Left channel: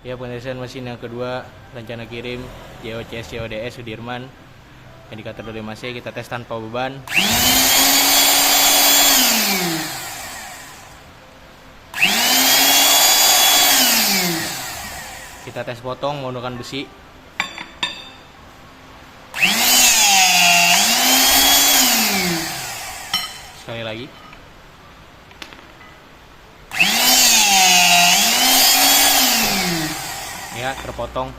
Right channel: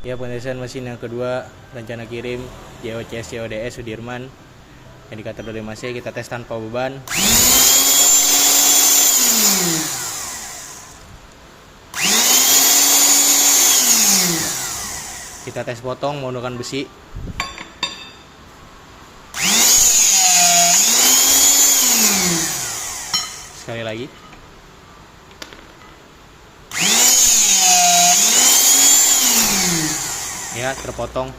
Ya, pengetesan mesin yang kedua, rencana kirim JOCS CODS Sudirman. Indikator dari masnya kita tes tanpa beban. Kita tes potong menggunakan besi. Sekali lagi. Ya, terpotong.